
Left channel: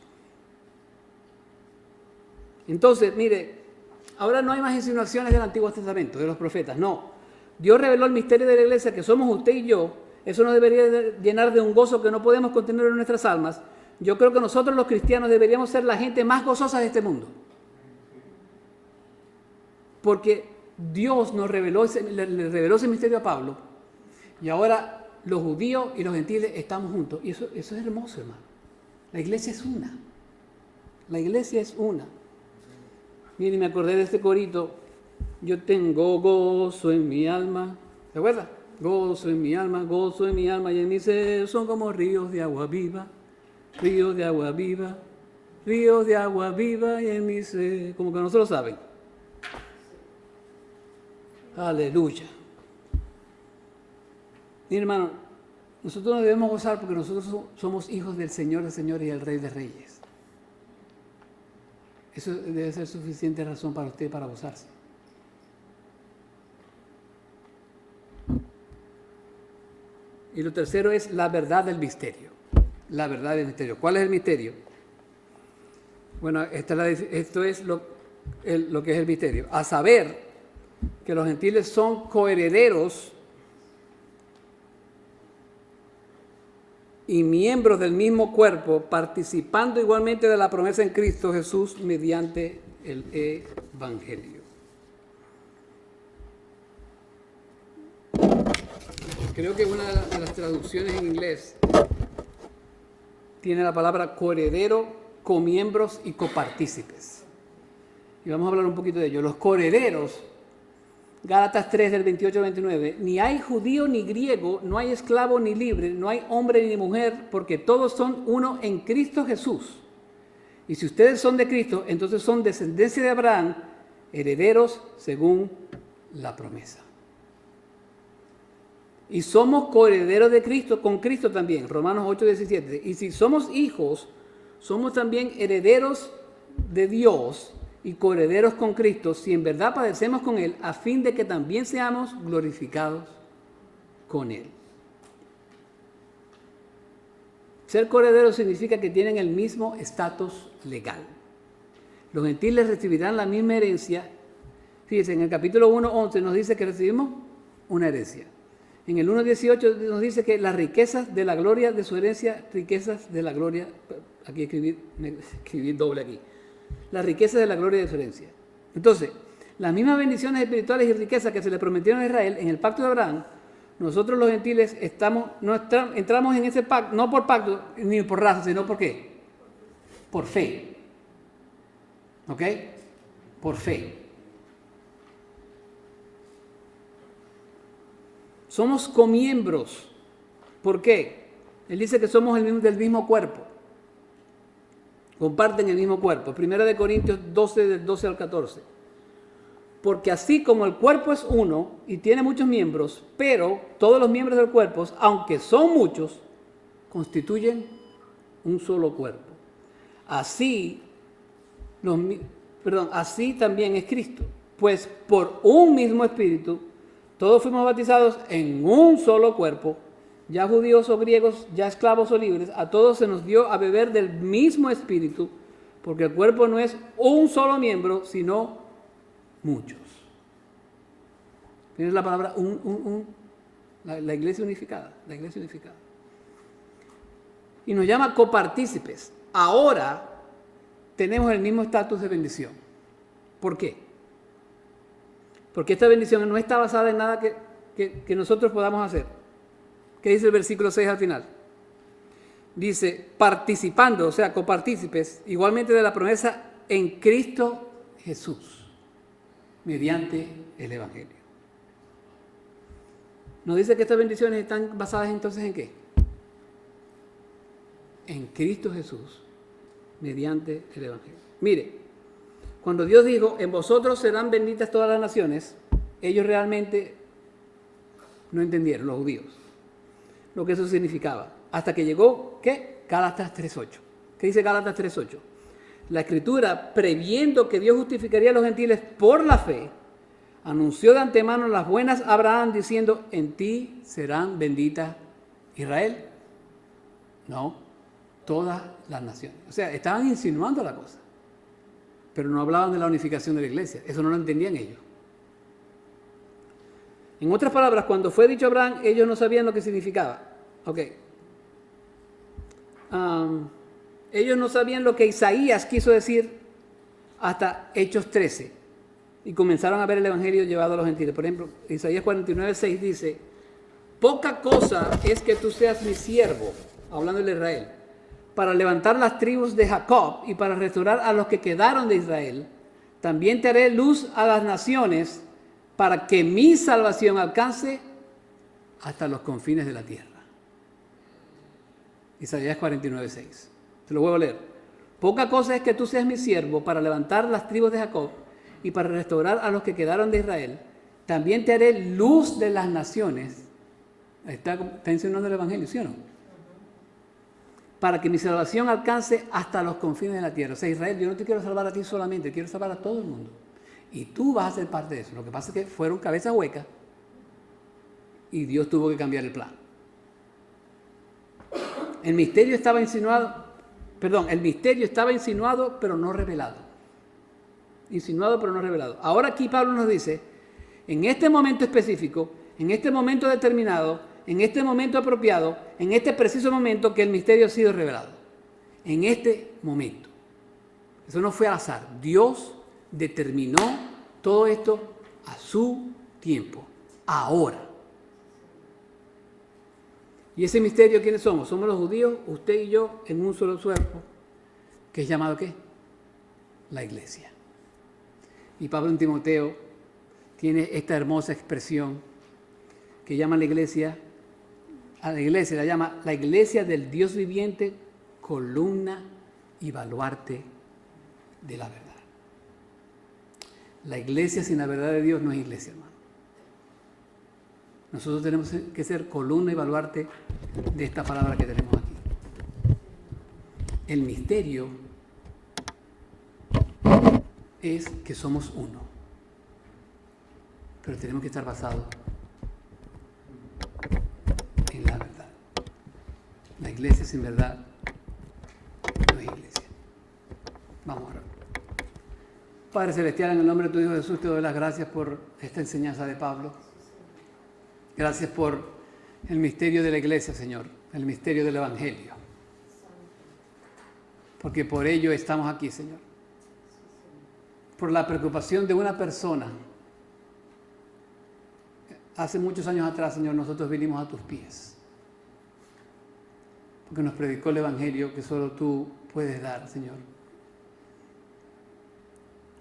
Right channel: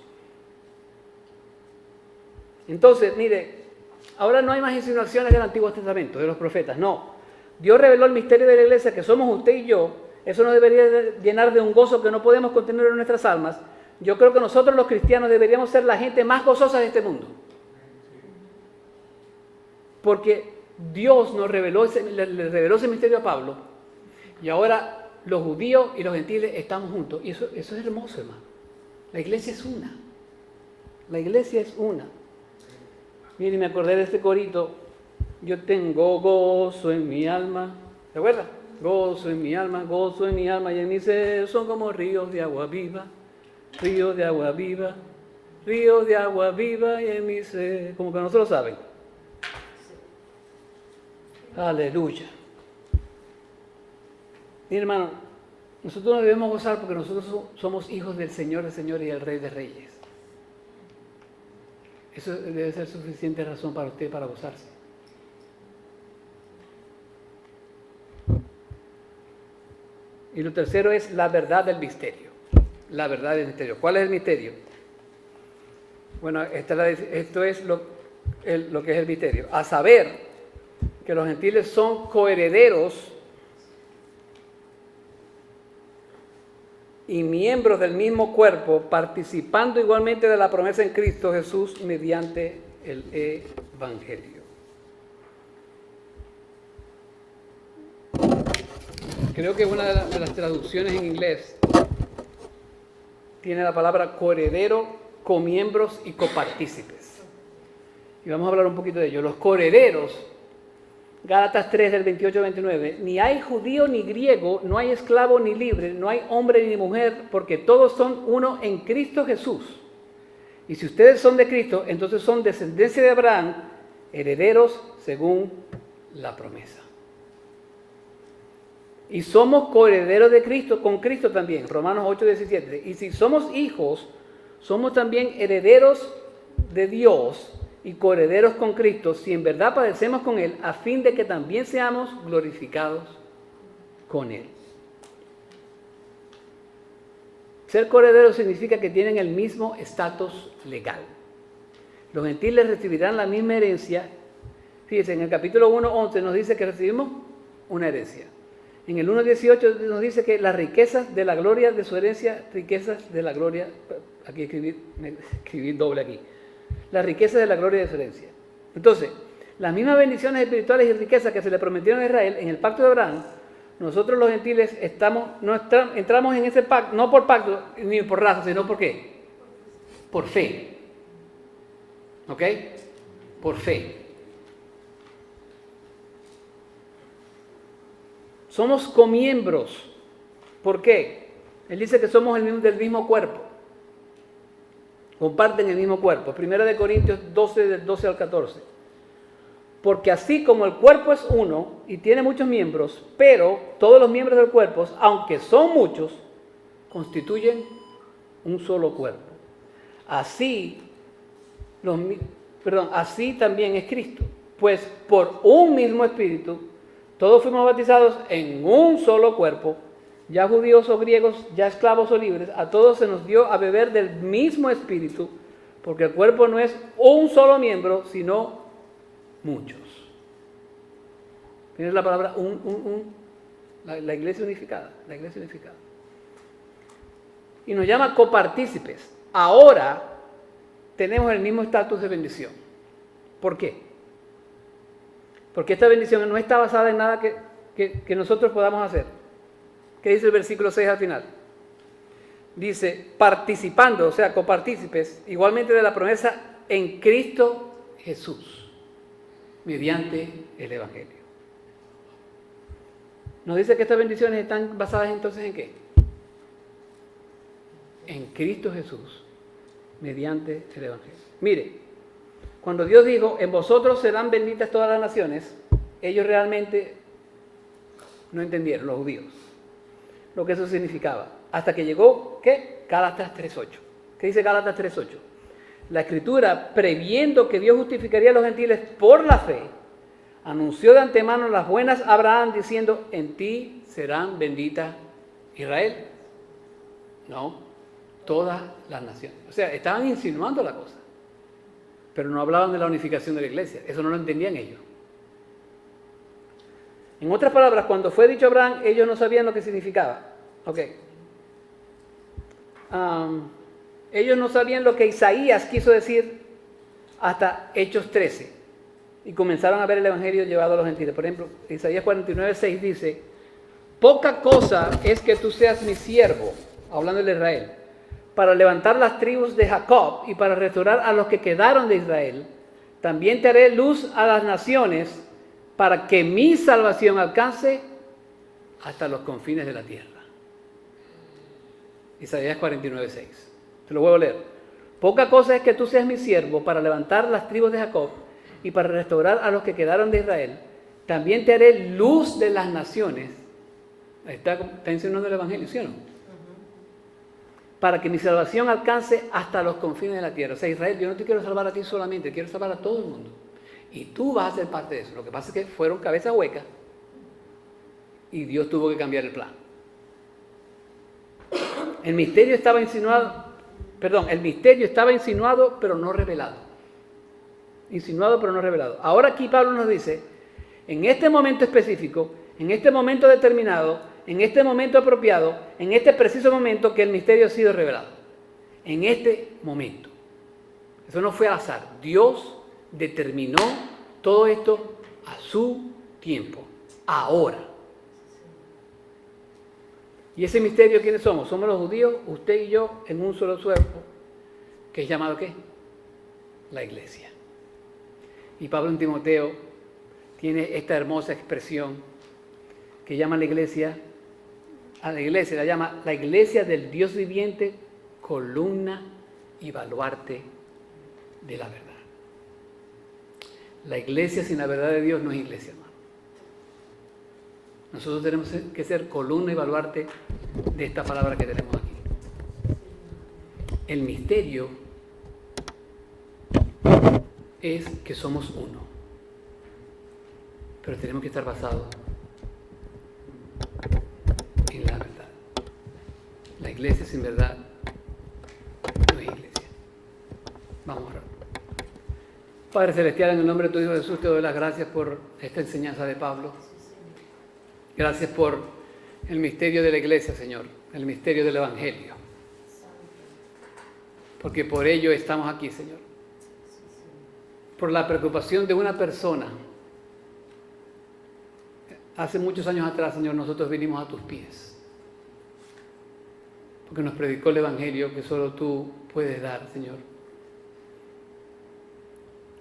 Entonces, mire, ahora no hay más insinuaciones del Antiguo Testamento, de los profetas, no. Dios reveló el misterio de la iglesia, que somos usted y yo. Eso nos debería llenar de un gozo que no podemos contener en nuestras almas. Yo creo que nosotros los cristianos deberíamos ser la gente más gozosa de este mundo. Porque Dios nos reveló le reveló ese misterio a Pablo. Y ahora los judíos y los gentiles estamos juntos. Y eso es hermoso, hermano. La iglesia es una. La iglesia es una. Miren, me acordé de este corito. Yo tengo gozo en mi alma. ¿Se acuerda? Gozo en mi alma y en mi ser son como ríos de agua viva. Ríos de agua viva. Ríos de agua viva y en mi ser. Como que no se lo saben. Aleluya. Mire, hermano, nosotros nos debemos gozar porque nosotros somos hijos del Señor de señores y el Rey de reyes. Eso debe ser suficiente razón para usted para gozarse. Y lo tercero es la verdad del misterio. La verdad del misterio. ¿Cuál es el misterio? Bueno, esto es lo que es el misterio. A saber que los gentiles son coherederos y miembros del mismo cuerpo, participando igualmente de la promesa en Cristo Jesús mediante el Evangelio. Creo que una de las traducciones en inglés tiene la palabra coheredero, comiembros y copartícipes. Y vamos a hablar un poquito de ello. Los coherederos, Gálatas 3 del 28 al 29, ni hay judío ni griego, no hay esclavo ni libre, no hay hombre ni mujer, porque todos son uno en Cristo Jesús. Y si ustedes son de Cristo, entonces son descendencia de Abraham, herederos según la promesa. Y somos coherederos de Cristo, con Cristo también, Romanos 8, 17. Y si somos hijos, somos también herederos de Dios y coherederos con Cristo, si en verdad padecemos con Él, a fin de que también seamos glorificados con Él. Ser coherederos significa que tienen el mismo estatus legal. Los gentiles recibirán la misma herencia. Fíjense, en el capítulo 1:11 nos dice que recibimos una herencia. En el 1:18 nos dice que las riquezas de la gloria de su herencia, riquezas de la gloria, aquí escribí doble aquí. Las riquezas de la gloria de su herencia. Entonces, las mismas bendiciones espirituales y riquezas que se le prometieron a Israel en el pacto de Abraham, nosotros los gentiles entramos en ese pacto, no por pacto ni por raza, sino por ¿qué? Por fe. ¿Ok? Por fe. Somos comiembros. ¿Por qué? Él dice que somos del mismo cuerpo. Comparten el mismo cuerpo. 1 Corintios 12, del 12 al 14. Porque así como el cuerpo es uno y tiene muchos miembros, pero todos los miembros del cuerpo, aunque son muchos, constituyen un solo cuerpo. Así también es Cristo. Pues por un mismo espíritu, todos fuimos bautizados en un solo cuerpo, ya judíos o griegos, ya esclavos o libres, a todos se nos dio a beber del mismo espíritu, porque el cuerpo no es un solo miembro, sino muchos. Tienes la palabra la iglesia unificada, la iglesia unificada. Y nos llama copartícipes. Ahora tenemos el mismo estatus de bendición. ¿Por qué? Porque esta bendición no está basada en nada que nosotros podamos hacer. ¿Qué dice el versículo 6 al final? Dice, participando, o sea, copartícipes, igualmente de la promesa en Cristo Jesús, mediante el Evangelio. Nos dice que estas bendiciones están basadas entonces ¿en qué? En Cristo Jesús, mediante el Evangelio. Mire, cuando Dios dijo, en vosotros serán benditas todas las naciones, ellos realmente no entendieron, los judíos, lo que eso significaba. Hasta que llegó, ¿qué? Gálatas 3.8. ¿Qué dice Gálatas 3.8? La Escritura, previendo que Dios justificaría a los gentiles por la fe, anunció de antemano las buenas a Abraham diciendo, en ti serán benditas Israel. No, todas las naciones. O sea, estaban insinuando la cosa, pero no hablaban de la unificación de la iglesia. Eso no lo entendían ellos. En otras palabras, cuando fue dicho a Abraham, ellos no sabían lo que significaba. Ok. Ellos no sabían lo que Isaías quiso decir hasta Hechos 13. Y comenzaron a ver el Evangelio llevado a los gentiles. Por ejemplo, Isaías 49:6 dice, poca cosa es que tú seas mi siervo, hablando de Israel, para levantar las tribus de Jacob y para restaurar a los que quedaron de Israel. También te haré luz a las naciones para que mi salvación alcance hasta los confines de la tierra. Isaías 49:6. Te lo vuelvo a leer. Poca cosa es que tú seas mi siervo para levantar las tribus de Jacob y para restaurar a los que quedaron de Israel. También te haré luz de las naciones. Está enseñando el Evangelio, ¿sí o no? Para que mi salvación alcance hasta los confines de la tierra. O sea, Israel, yo no te quiero salvar a ti solamente, quiero salvar a todo el mundo. Y tú vas a ser parte de eso. Lo que pasa es que fueron cabezas huecas y Dios tuvo que cambiar el plan. El misterio estaba insinuado, pero no revelado. Insinuado, pero no revelado. Ahora aquí Pablo nos dice, en este momento específico, en este momento determinado, en este momento apropiado, en este preciso momento que el misterio ha sido revelado. En este momento. Eso no fue al azar. Dios determinó todo esto a su tiempo. Ahora. ¿Y ese misterio quiénes somos? Somos los judíos, usted y yo, en un solo cuerpo, que es llamado ¿qué? La iglesia. Y Pablo en Timoteo tiene esta hermosa expresión que llama a la iglesia la llama la iglesia del Dios viviente, columna y baluarte de la verdad. La iglesia sin la verdad de Dios no es iglesia, hermano. Nosotros tenemos que ser columna y baluarte de esta palabra que tenemos aquí. El misterio es que somos uno, pero tenemos que estar basados en la verdad. La iglesia sin verdad no es iglesia. Vamos a orar. Padre Celestial, en el nombre de tu Hijo Jesús, te doy las gracias por esta enseñanza de Pablo. Gracias por el misterio de la iglesia, Señor, el misterio del Evangelio. Porque por ello estamos aquí, Señor. Por la preocupación de una persona. Hace muchos años atrás, Señor, nosotros vinimos a tus pies. Porque nos predicó el Evangelio que solo tú puedes dar, Señor.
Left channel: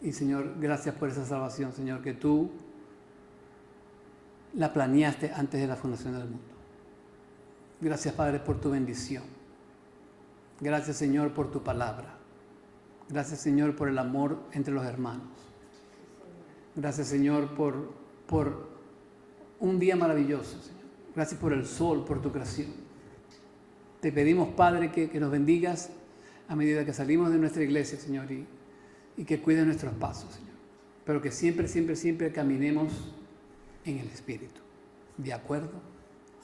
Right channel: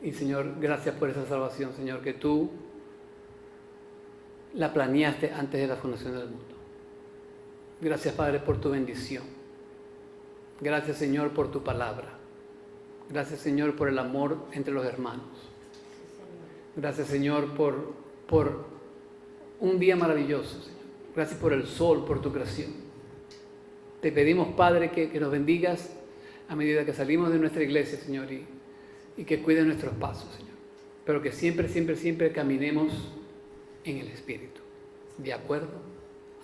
Y, Señor, gracias por esa salvación, Señor, que tú la planeaste antes de la fundación del mundo. Gracias, Padre, por tu bendición. Gracias, Señor, por tu palabra. Gracias, Señor, por el amor entre los hermanos. Gracias, Señor, por un día maravilloso, Señor. Gracias por el sol, por tu creación. Te pedimos, Padre, que nos bendigas a medida que salimos de nuestra iglesia, Señor, y que cuides nuestros pasos, Señor. Pero que siempre, siempre, siempre caminemos en el Espíritu, de acuerdo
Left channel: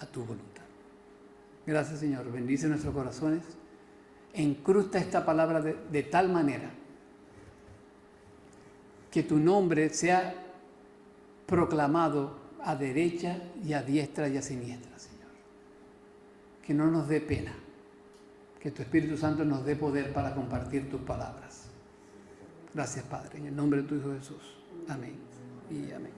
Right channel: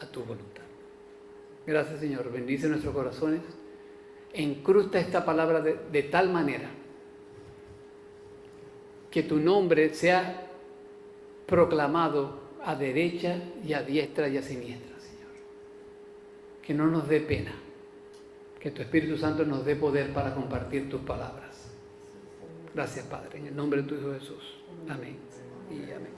a tu voluntad. Gracias, Señor. Bendice nuestros corazones. Encrusta esta palabra de tal manera que tu nombre sea proclamado a derecha y a diestra y a siniestra, Señor. Que no nos dé pena. Que tu Espíritu Santo nos dé poder para compartir tus palabras. Gracias, Padre. En el nombre de tu Hijo Jesús. Amén y amén.